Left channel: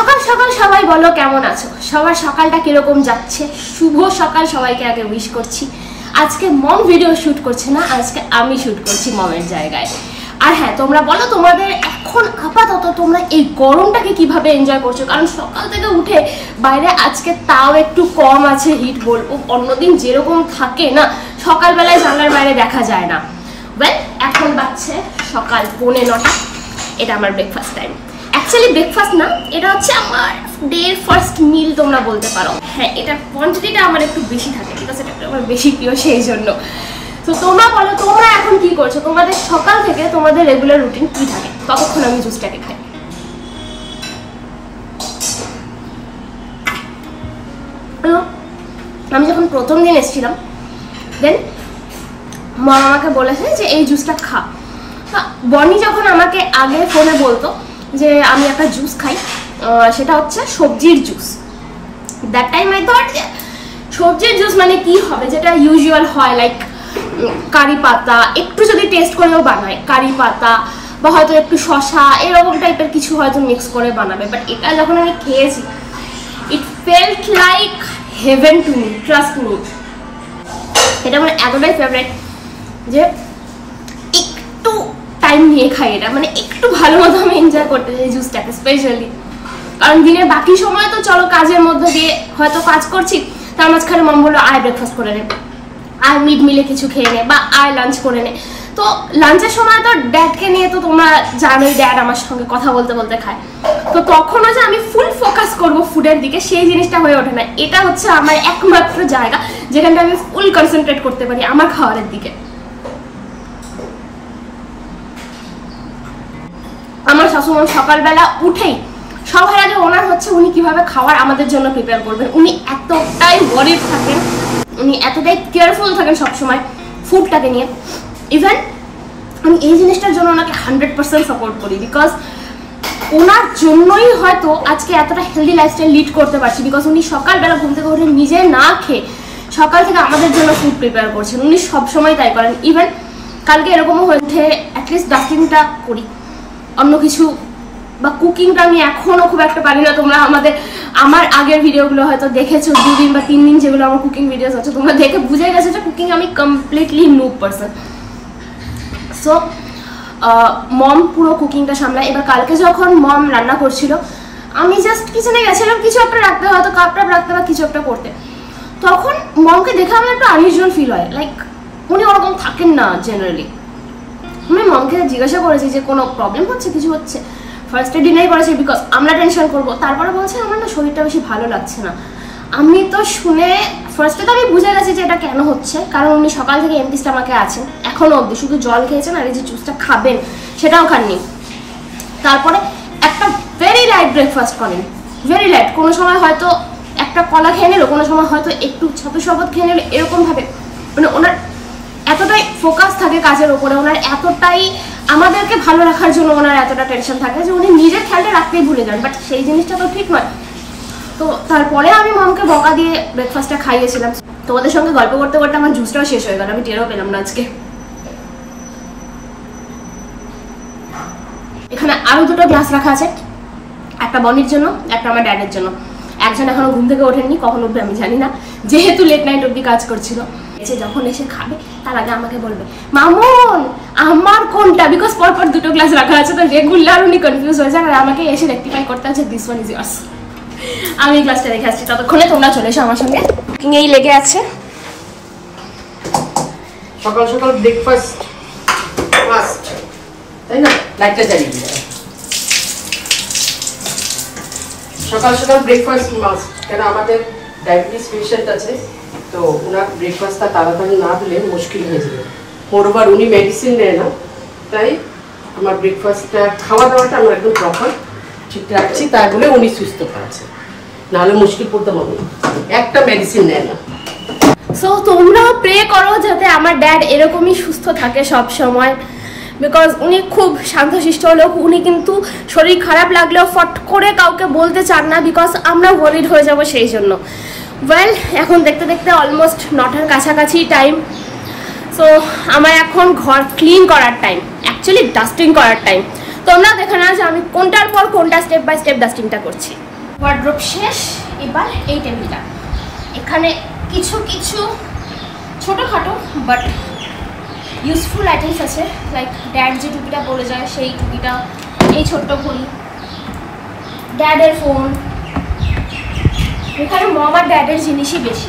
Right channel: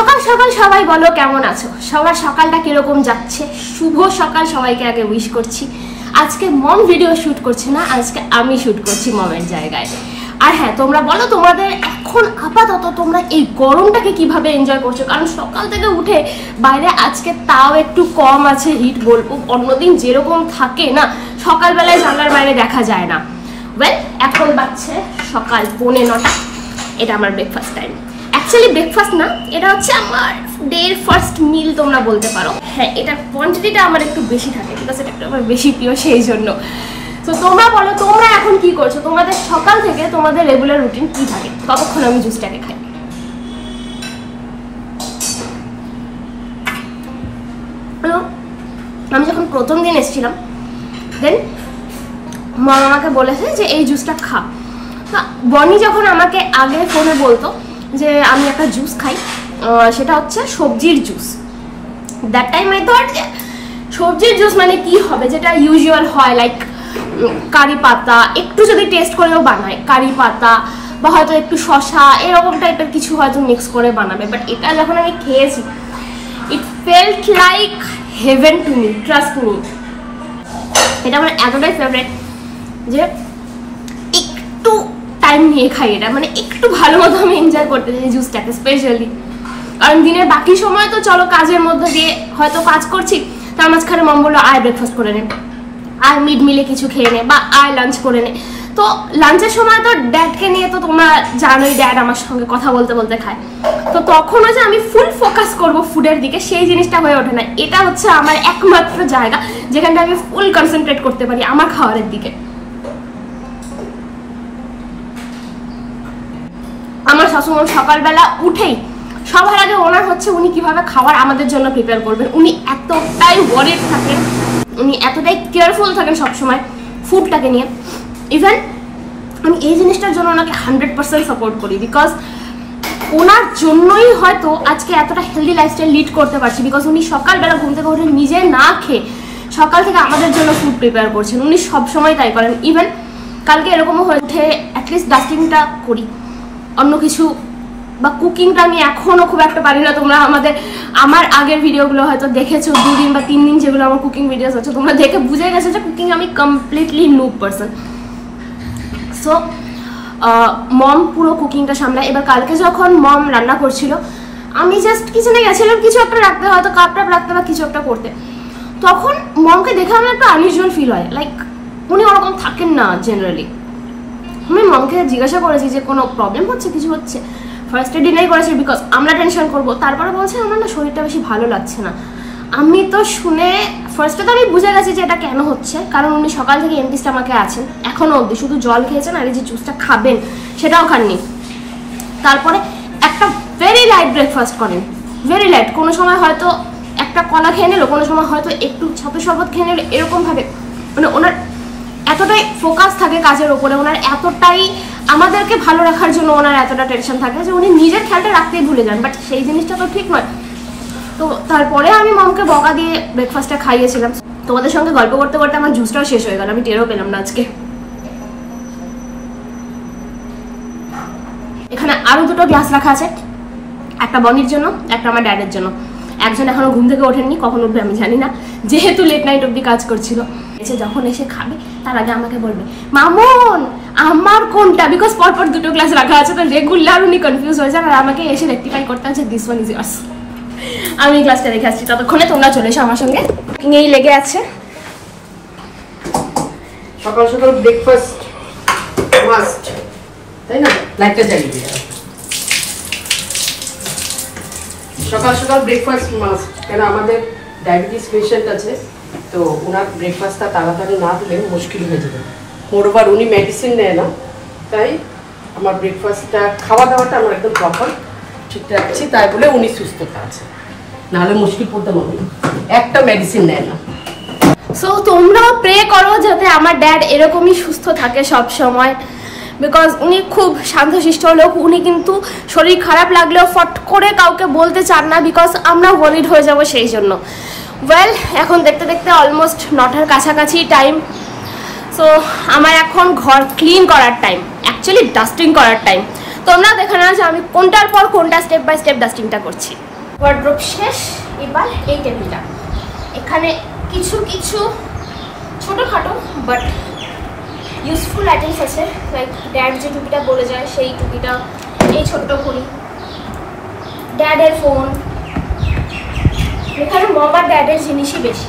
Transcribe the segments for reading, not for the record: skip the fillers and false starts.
সকাল সকাল সবাই বলো কেমন আছো, সবার সকালটা কিরকম যাচ্ছে? শুভ সকাল সবাইকে আগে উইশ করছি। আজকে মম ভিডিও শুট করছে না, আজকে আমি শুট করছি মমের জায়গায়। আর হ্যাঁ, তোমরা বলো তোমাদের এখন আপাতত তোমরা এই গরমটাকে কিভাবে এনজয় করছো, কারণ সকাল থেকে উঠে বাইরে আজকে তাও একটু কম আছে হিট, বলবো অন্যদিন যেরকম থাকে না সকালবেলায় জানলার বাইরে দেখা যায় না। ওয়েল, এখন বাজছে সকাল 8:45, এটা আমার ব্রেকফাস্ট টাইম। অ্যাকচুয়ালি ব্রেকফাস্ট না, এটা হচ্ছে আমার ডের ফার্স্ট মিল তোমরা বলতে পারো। হ্যাঁ, এটার কোয়ান্টিটিটা আমার একটু বেশি থাকে, ঠিক আছে, এটা আমার বেশি প্রিয় সেই জন্য। তো তোমরা বলো তোমরা এখন কি করছো, তোমাদের সকাল থেকে তোমাদের রেগুলার রুটিন কি থাকে? ততক্ষণ আমি জুসটাকে খাই। আমি যখন প্রথম দিন এসেছিলাম দেন মা আমাকে বলেছে যে এই জুসটা খা। বনি যখন আমাকে আগে ফোনে বলতো যে আমি একটা জুস খাই, সেটা হচ্ছে সবজির juice. That time I thought যে সবজির জুস মানে কি হবে, যেটা ইউজুয়াল হয়, লাইক কারি পাতা একটু যদি টেস্ট করেও বানায়, কারি পাতা বা হয়তো একটু শসা এরকম টাইপের কিছু হয়তো মিক্স করে বানাবে। বাট এটা যখন আমি খেয়েছি, ইট felt like haven to me, trust me. এটা আমার এতটাই ফেভারিট যে একটু টাইম নিয়ে খাই এটা, মানে একটু ভালো মতো আমি এনজয় করতে চাই জুসটাকে স্পেশালি। কারণ দিনের বাকি সময় তো চলো কাজের মধ্যে দিয়ে হয়তো কাজ করছি, তার মাঝখানে মম বললো আয় ব্রেকফাস্ট করে নে, আয় মিড মিলে কিছু খেয়ে নে, বা আয় লাঞ্চ করে নে। তো লাঞ্চের সময় তো ড্যাডকে নিয়ে তো তোমরা জানোই, ড্যাড আমার সঙ্গে কথা বলতে বলতে খায়। তো তখনও যে আমি ফুল ফোকাস করব ফুডের দিকে, সেই জিনিসটা হয়ে ওঠে না। এটা হচ্ছে আমার একমাত্র জায়গা যেখানটা আমি ফুল কনসেন্ট্রেট করতে পারি আমার খাবারের দিকে। আমার শাশুড়ি সকালবেলা উঠেই সবার আগে ওনার হচ্ছে উনি কিভাবে খাবার আমাদের জন্য প্রিপেয়ার করবেন। উনি এতটাই ওয়ারিড থাকেন, উনি এতটাই কেয়ারফুল থাকেন সবসময় ফুডটাকে নিয়ে। ইভেন আমি এই জিনিসটার জন্য ওনাকে 100% সাপোর্ট করি, বিকজ ওনার জন্যই হয়তো আজকে এতটা হেলদি লাইফস্টাইল লিড করতে পারছি। বিকজ উনি সকালবেলা ঘুম থেকে উঠে নিজে না খেয়ে সকাল থেকে আমাদের জন্য ফুড প্রিপেয়ার করছেন, উনি সবসময় তাই করেন। ইভেন কালকে এরকমও হয়ে উঠে অ্যাটলিস্ট ডাস্টিংটা করি, অন্য কিছু বা কুকিংটা আমি এখনো খুব একটা পারি না। তোমরা আমার আগের ভিডিওগুলো হয়তো দেখেছো, 2 দিন বা 3 দিন যেগুলো আমার কুকিং ভিডিওস আছে, তোমরা দেখে বুঝে গেছো যে কুকিং আমি কমপ্লিটলি নুব পারসন। সো মম পুরো কুকিংটা সামলায়। এবার কালকে যখন মম রান্না করছিল, আমি জাস্ট কিচেনে গেছিলাম কিছু একটা রাখতে, হয়তো কাপ টাপ রাখতে বা কিছু একটা করতে। তখন মমকে দেখে আমার একটু আনইউজুয়াল ফিল হয়, লাইক উনি ওরকম থাকেন না জেনারেলি। আমি মমকে জিজ্ঞাসা করেছি যে কোনো প্রবলেম হচ্ছে, কিছু হচ্ছে। ফার্স্টে ডিনাই করেছে বিকজ আমরা টেনশন করবো, তারপরে বলছে আমার না শরীরটা বেশি ভালো লাগছে না। আমি তো শুনে ফার্স্টে তো আমি বুঝে গেছি যে এটা কেন হচ্ছে, কারণ উনি সকাল থেকে এমটি স্টমাকে আছেন এখনো অবধি, শুধু জল খেয়েছেন আর এই যে জুসটা খাবেন সেটাও খাননি। তারপরে একটা ভেরি লাইট ব্রেকফাস্ট করেন, ভেরি লাইট। কোনো সময় হয়তো একটা কলা খেয়ে নিল, কোনো সময় হয়তো একটু ছাতু শরবত খেয়ে নিল, এরকম ভাবে। মানে ওনার এতটাই ফোকাস থাকে কাজের ওপরে, ওনার এতটাই আমাদেরকে ভালো রাখার জন্য ওনার এতটা টেনশন থাকে যে উনি নিজের খেয়ালটা রাখতেই ভুলে যান। বাট সেই জিনিসটা তো ঠিক নয়। তো তারপরে আমি মমকে বকা দিয়ে ব্রেকফাস্টটা খাইয়েছিলাম। তোমাদের সঙ্গে গল্প করতে করতে আমার জুসটাও শেষ হয়ে গেল, আমি টেরও পেলাম না আজকে। এখানে আরো 2টো গ্লাস রাখা আছে, একটা বনির জন্য, একটা আমার ড্যাডের জন্য। একজন এখনো ঘুম থেকে ওঠেননি, কখন উঠবে আমি জানি না, যেহেতু লেট নাইট অব্দি কাজ করছিল। যখন এসে খাবে তার আগে আমাকে বলবে মামুন আমার কোনটা, বিকজ পরপর 2টো গ্লাস রাখা আছে, তো রেগুলার উনি কনফিউজ হয়ে যান আর আমাকে এসে রেকটিফাই করতে আছে দিস ওয়ান ইজ ইয়ার্স। আমি গ্লাসটা রেখে আসছি, ততক্ষণে তোমরা চলে এসো আমার সঙ্গে। কুকিংয়েই লেগে আছে। সকাল সকাল ব্রেকফাস্ট মাস্ট, তাই না? লাইটটা জ্বালিয়ে দিই। সকাল সকাল ব্রেকফাস্ট মাস্ট, কেন আমাদের ডায়াবেটিস পেশেন্ট আছে, তো ওনার ব্রেকফাস্টটা তাড়াতাড়ি না দিলে মুশকিল হয়ে যাবে। মোরওভার উনি মেডিসিন নেয় না, তাই আমার ব্রেকফাস্টটা খাওয়া দাওয়াটা আমার একদম প্রপার ঠিক রাখছি, তাই বলে উনি সুস্থতা আছে, নাহলে মুশকিল পড়তে পারবো না, একটা মেডিসিন নেয় না। সো তোমরাও প্রে করো যাতে আমার ড্যাড এরকমই সুস্থ থাকে সব সময়, বিকজ উনি খুব শান্তশিষ্ট লোক। উনি কিন্তু শরীর খারাপ লাগলেও ফট করে কাউকে বলতে চান না, বিকজ আমরা ওয়ারিড হয়ে যাবো সেই জন্য। ওয়েল, এখন দেখতে দেখতে অলমোস্ট 9টার কাছাকাছি টাইম। সো আমার এখন ঘর ক্লিন করার টাইম, অ্যাকচুয়ালি ডাস্টিং করার টাইম। তোমরা দেখে না যে আমি কোনটার পর কোনটা স্টেপ বাই স্টেপ ডাস্টিংটা করছি। ওয়ার্ড্রোব শেষ। এবার এই টেবিলটা, এখানে কিছু কিছু ছোটোখাটো বাট ইউজফুল আইটেমস আছে, লাইক ড্যাড যে টুপিটা বলে যায় সেই টুপিটা, এই ছোট্ট ঘড়ি, ড্যাডের ফোন। এখানে মম আর ড্যাডের জিনিসই বেশি।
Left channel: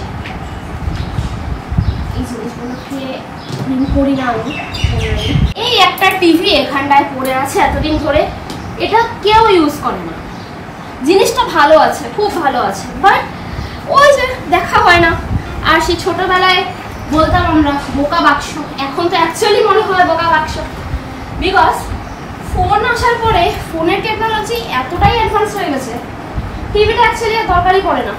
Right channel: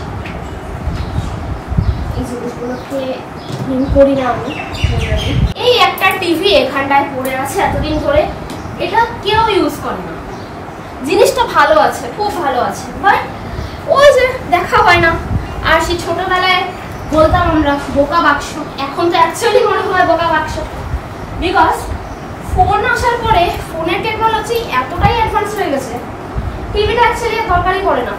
এই জিনিসগুলোকে ক্লিন করি না আমি। এই একটা টিভি এখানটায় পড়ে আছে এতদিন ধরে, এটা কেউ ইউজ করে না। জিনিসটা ভালো আছে, খুব ভালো আছে, বাট ওই যে দেখা হয় না। আর সেই ছোটবেলায় বলতাম আমরা বোকা বাক্স, এখন তো অ্যাকচুয়ালি মনে হয় বোকা বাক্স, বিকজ ফোন আসার পরে ফোনের টেকনোলজি এতটাই অ্যাডভান্স হয়ে গেছে, টিভিটা অ্যাকচুয়ালি দরকারই পড়ে না।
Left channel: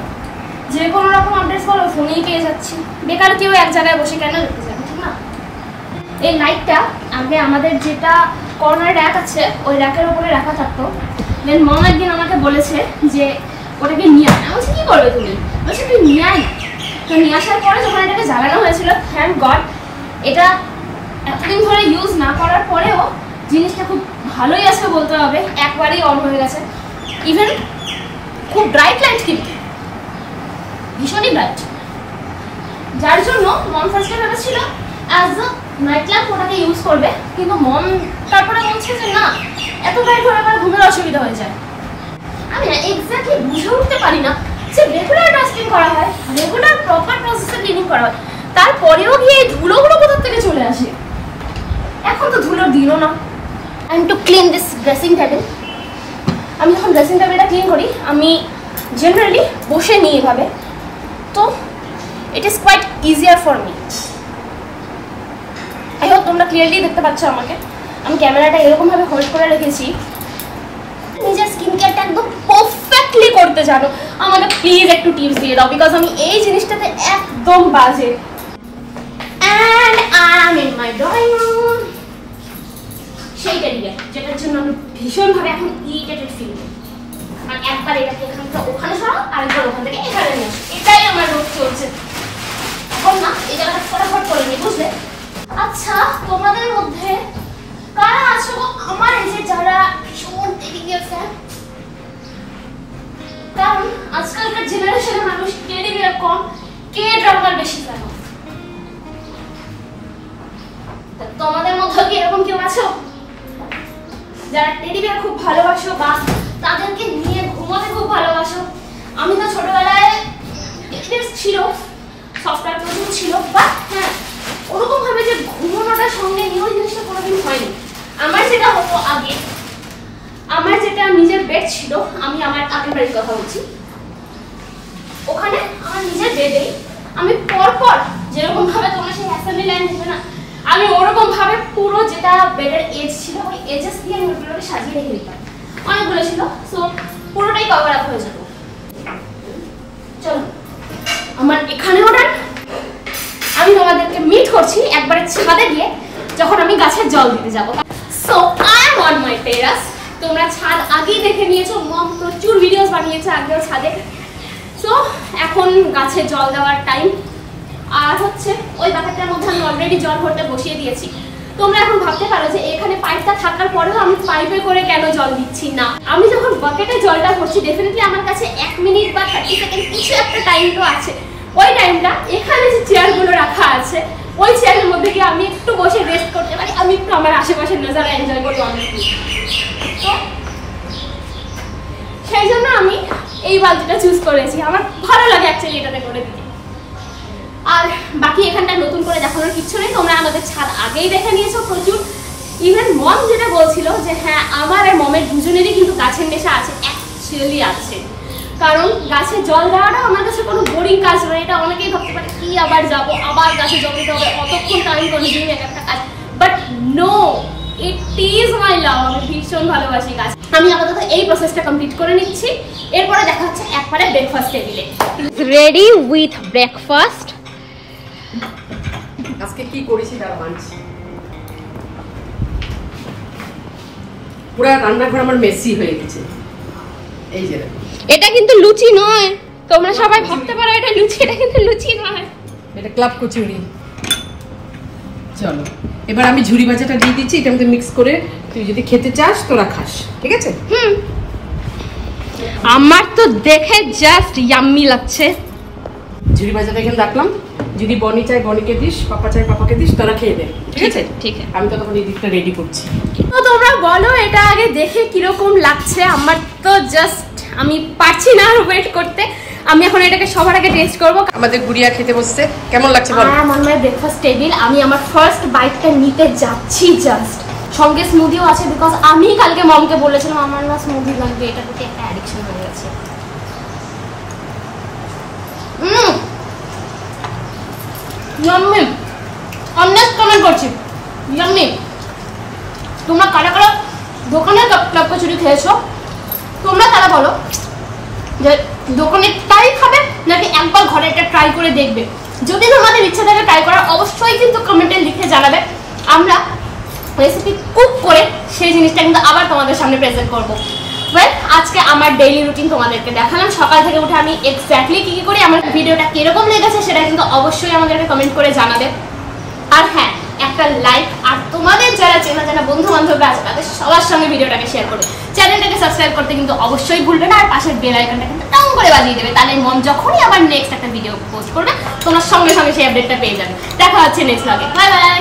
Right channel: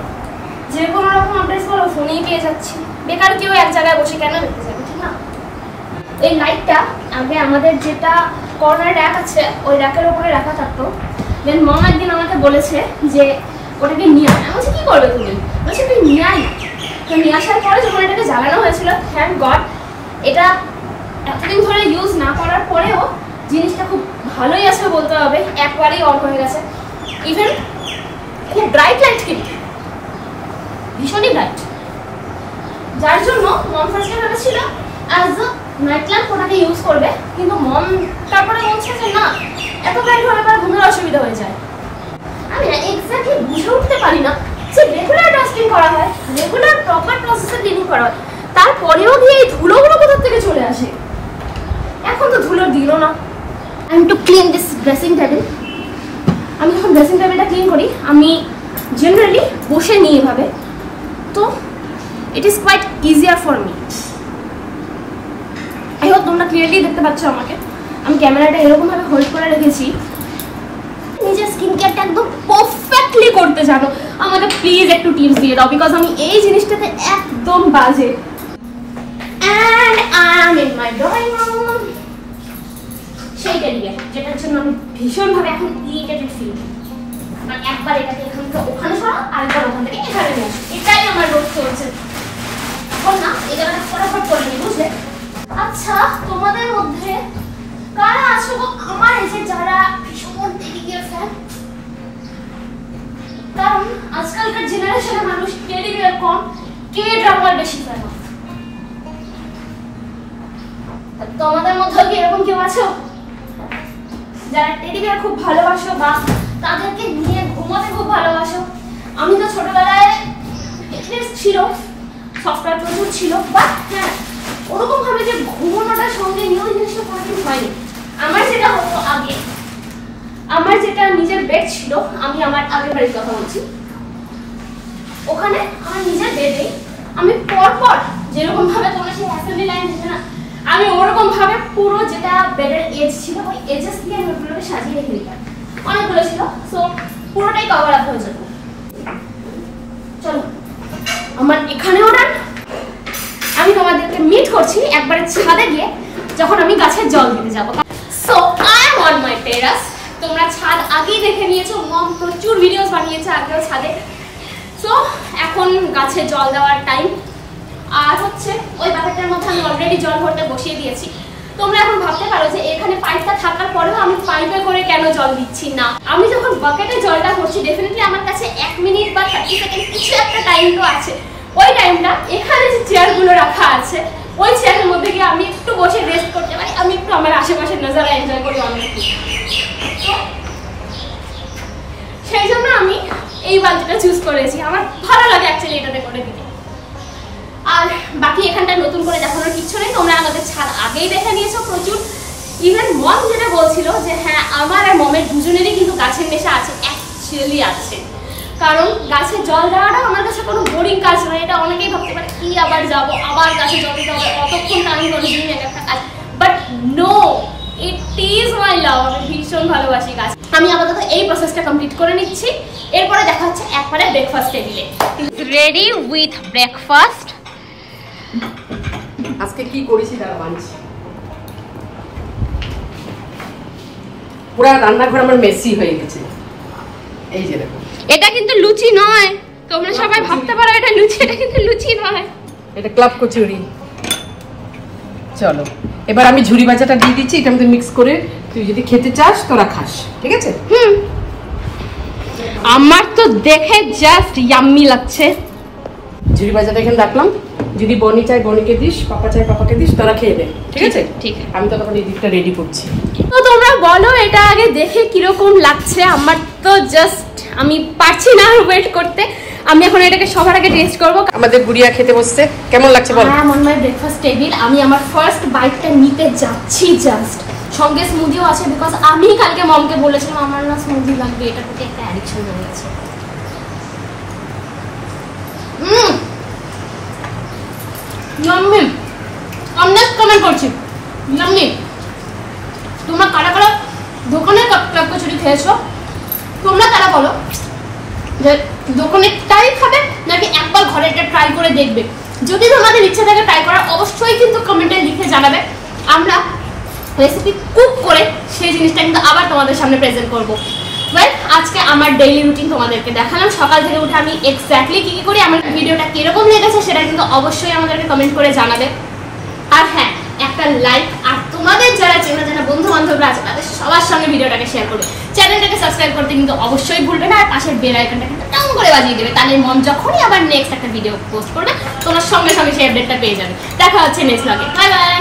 যে কোনো রকম আপডেটস বলো ফোনেই পেয়ে যাচ্ছি, বেকার কেউ এক জায়গায় বসে কেন দেখতে যাবে, ঠিক না? এই লাইটটা আগে আমাদের যেটা কর্নার র্যাক আছে ওই র্যাকের ওপরে রাখা থাকতো। দেন মম একদিন আমাকে বলেছে যে ওটাকে নিয়ে আয়। আমি বলছি কী করবে তুমি? বলছে তুই নিয়ে আয়। তো নিয়ে আসার পরে যখন এটাকে জ্বালানো হয়েছিল, থ্যাঙ্ক গড এটা এতদিন ধরে ইউজ না করার পরেও জিনিসটা খুব ভালোই আছে বলতে হবে, একবারেই অন হয়ে গেছে। ইভেন খুব ব্রাইট লাইট, কিন্তু ভীষণই ব্রাইট, যার জন্য মম ফার্স্টে ভেবেছিল অ্যাজ আ নাইট ল্যাম্প ওটাকে ইউজ করবে, কিন্তু মম তারপরে বলছে যে না, এত ব্রাইট হলে আবার ঘুমের অসুবিধা হয়ে যায়। আমি এক্স্যাক্টলি বুঝে উঠতে পারি না যে রেগুলার ডাস্টিং করা হয়, রেগুলার প্রপার প্রসেসে ক্লিনিং করা হয়, তারপরেও গিয়ে এই ধুলোগুলো কোথা থেকে চলে আসে। এখন তো ধুলো দিল না। I am to clean this dressing table. আমি যখন ড্রেসিং টেবিলটা ক্লিন করি আমি জেনারেলি বসে নিই এভাবে, তো it is quite easier for me. I hope তোমরা ক্লিয়ারলি দেখতে পাচ্ছ আমাকে। আমি ক্যামেরাটা এরকমভাবে হোল্ড করে রেখেছি, নিজের স্কিন কেয়ারটা একদম পারফেক্টলি করতে জানো। আমাকে প্লিজ একটু টিপস দিয়ে দাও, বিকজ আমি এই জিনিসটাতে একদম বাজে। And I am in my drawing room, সেই টেবিলে যেটার জন্য আমি ভীষণভাবে এখন ইরিটেটেড ফিল করি। কারণ একবার এটাকে এখান থেকে ওখানে সরাও, আরেকবার ওখান থেকে এখানে নিয়ে আসো, এটাই আমার রোগ চলছে। এখন না এই জায়গাটা ফটাফট করে নি, বুঝলে? আচ্ছা, তোমাদের মধ্যে কারা আছো আমার এই যে যারা ভীষণ টেডি বিয়ার ফ্যান? কারণ আজকালকার জেনারেশনের মানুষ টেডি বিয়ার কম, কে ড্রামার বেশি ফ্যান। তোমাদের মধ্যে কি এরকম কেউ আছো যারা টেডি বিয়ার খুব ভালোবাসো বা তাদেরকে নিয়ে ঘুমাতে খুব ভালোবাসো? আমি তো ছোটবেলায় ছিল, সফটওয়্যার প্রচুর ছিল, বাট হ্যাঁ ওরকম ভাবে যে ঘুমানোটার সঙ্গে নিয়েও জিনিসটা কোনোদিন হয়নি। আমার যেটা হতো আগে, আমার যেটা নিজের বেড ছিল, আমি আমার আগের বাড়ির কথা বলছি, ওখানে আমার নিজের বেডে আমি পরপর যেরকম ভাবে তোমরা সেই অ্যাসেম্বলি লাইন দেখবে না, আমি ওরকম ভাবে পুরো যেটা বেডের এজ ছিল ওই এজেস দিয়ে আমি ওগুলোকে সাজিয়ে রেখে দিতাম। অনেকগুলো ছিল, সো পুরোটাই কভার আপ হয়ে যেত। চলো আমার এখানে অর্ডার, আমি তোমাদেরকে মিট করছি একবারে ছাদে গিয়ে যখন আমি গাছের জল দিতে যাবো। So I am on my terrace. তোমরা ছাদ আগেই দেখে নিয়েছো, মম প্রচুর ভিডিওস বানিয়েছে আগেও ছাদে। সো এখন গাছে জল দেওয়ার টাইম। আর হচ্ছে ওই বাকেটটার মধ্যে আমি অলরেডি জল ভরতে বসিয়ে দিয়েছি। তোমরা এখন ভাবতে পারো যে এখানে পাইপটা থাকার পরেও আমি পাইপে করে কেন জল দিচ্ছি না। আমি যখন বাকেটে জলটা ভরছি ডেফিনেটলি আমার কাছে 1 মিনিট বা 30 সেকেন্ড কিছু একটা টাইম তো আছে। ওই টাইমটা এখানে যে চেয়ারগুলো রাখা আছে ওই চেয়ারের মধ্যে গিয়ে আমি একটু বসে রেস্ট করতে পারি, আমি একটু আমার আশেপাশের নজারা এনজয় করি অনেকই। তো সেই জন্য আমি এই বালতিটা চুজ করেছি, আমার ভালো লাগে অ্যাকচুয়ালি এটাতে করে দিতে। আর বাকি এখানটা নতুন করে দেখানোর কিচ্ছু নেই, তোমরা আমাদের ছাদ আগেই দেখে নিয়েছো প্রচুর। ইভেন মম যেটা বলছিল যে হ্যাঁ আমার আর মমের দুজনেরই কিন্তু গাছের নেশা আছে, অ্যাকচুয়ালি আছে। কারণ গাছে জল দেওয়াটা আমার কাছে কোনো বোরিং কাজ নয়। এটা অনেকেই ভাবতে পারে কি আবার যাব, আবার গাছে জল দিতে হবে, অতক্ষণ টাইম কনজিউমিং একটা কাজ, but no, it is my love. আমি ভীষণ ভালোবাসি গাছ। আমি আপাতত এই প্রসেসটা কমপ্লিট করে নিচ্ছি, এরপরে দেখা হচ্ছে একবারে ব্রেকফাস্ট টেবিলে। Ready with breakfast. আজকে কি করেছি তার লাঞ্চ, পুরো রান্নাঘর আমার মেসি হয়ে গেছে। এই যে দেখো, এটা কিন্তু লুচি নয়, তোমরা সবাই ভাবতে পারো এটা লুচি, এটা কিন্তু লুচি নয়, এটা ক্লাব কচুরি। চলো এবার আমি ঝুরি ভাজাটা দিয়ে দিচ্ছি, এটা মধ্যে মিক্স করে তুই যদি খেতে চাস তোরা খাস, ঠিক আছে? আমার তো তো দেখে জাস্ট ইয়াম্মি লাগছে। ঝুড়ি বাজারটা এখানে রাখলাম, যদি বনি চাই বনিকে দিস, পাপা চাই পাপাকে দিস, তোরা খেয়ে দে, ঠিক আছে? ঠিক আছে, আমি তো তখন এই দিকটা রেডি করছি। তো তোমরা বলো এটা আগে দেখে কিরকম লাগছে। আমার তো জাস্ট আমি পারছি না আর ওয়েট করতে। আমি এখন এটাকে সবার আগে টেস্ট করবো। আমাদের গুড়িয়া খেতে বসছে, কেমন লাগছে বল? হ্যাঁ, মন মাই ব্রেকফাস্ট টেবিল। আমি আমার ফার্স্ট বাইটটা নিতে যাচ্ছি জাস্ট। সঙ্গে স্মুদিও আছে, বিকজ আমি কালকে মমকে বলেছিলাম আমার না স্মুদি লাগবে, এটা প্রতি একটা অ্যাডিকশন হয়ে গেছে। ইয়াম্মি, অনেস্ট কমেন্ট করছি, ইয়াম্মি। তোমরা কারা কারা দোকানের কাপ কচুরি খেয়েছো, তোমরা তারা বলো যে দোকানেরটাই খাবে নাকি একবার ঘরেরটা ট্রাই করে দেখবে। যদি তোমাদের ইচ্ছা থাকে ট্রাই করার, অবশ্যই কিন্তু কমেন্টে লিখে জানাবে। আমরা রেসিপি কুক করে সেই জিনিসটা কিন্তু আবার তোমাদের সামনে প্রেজেন্ট করবো। ওয়েল, আজকে আমার ডেইলি রুটিন তোমাদেরকে দেখালাম। সকাল থেকে উঠে আমি এক্স্যাক্টলি কি কি করি, আমার ভিডিওটা কিরকম লেগেছে সেটা কিন্তু অবশ্যই আমাদেরকে কমেন্ট করে জানাবে। আর হ্যাঁ, একটা লাইক, আর তোমাদের যারা চেনা জানা বন্ধু বান্ধবরা আছে তাদের সবার সঙ্গে ভিডিওটাকে শেয়ার করবে। চ্যানেলটাকে সাবস্ক্রাইব করতে কিন্তু অবশ্যই ভুলবে না, আর পাশের বেল আইকনটা কিন্তু টাং করে বাজিয়ে দেবে। তাহলে মন যখনই আবার নেক্সট একটা ভিডিও পোস্ট করবে, তোমার সঙ্গে সঙ্গে সেই আপডেটটা পেয়ে যাবে। দেখা হচ্ছে নেক্সট ব্লগে। Bye bye.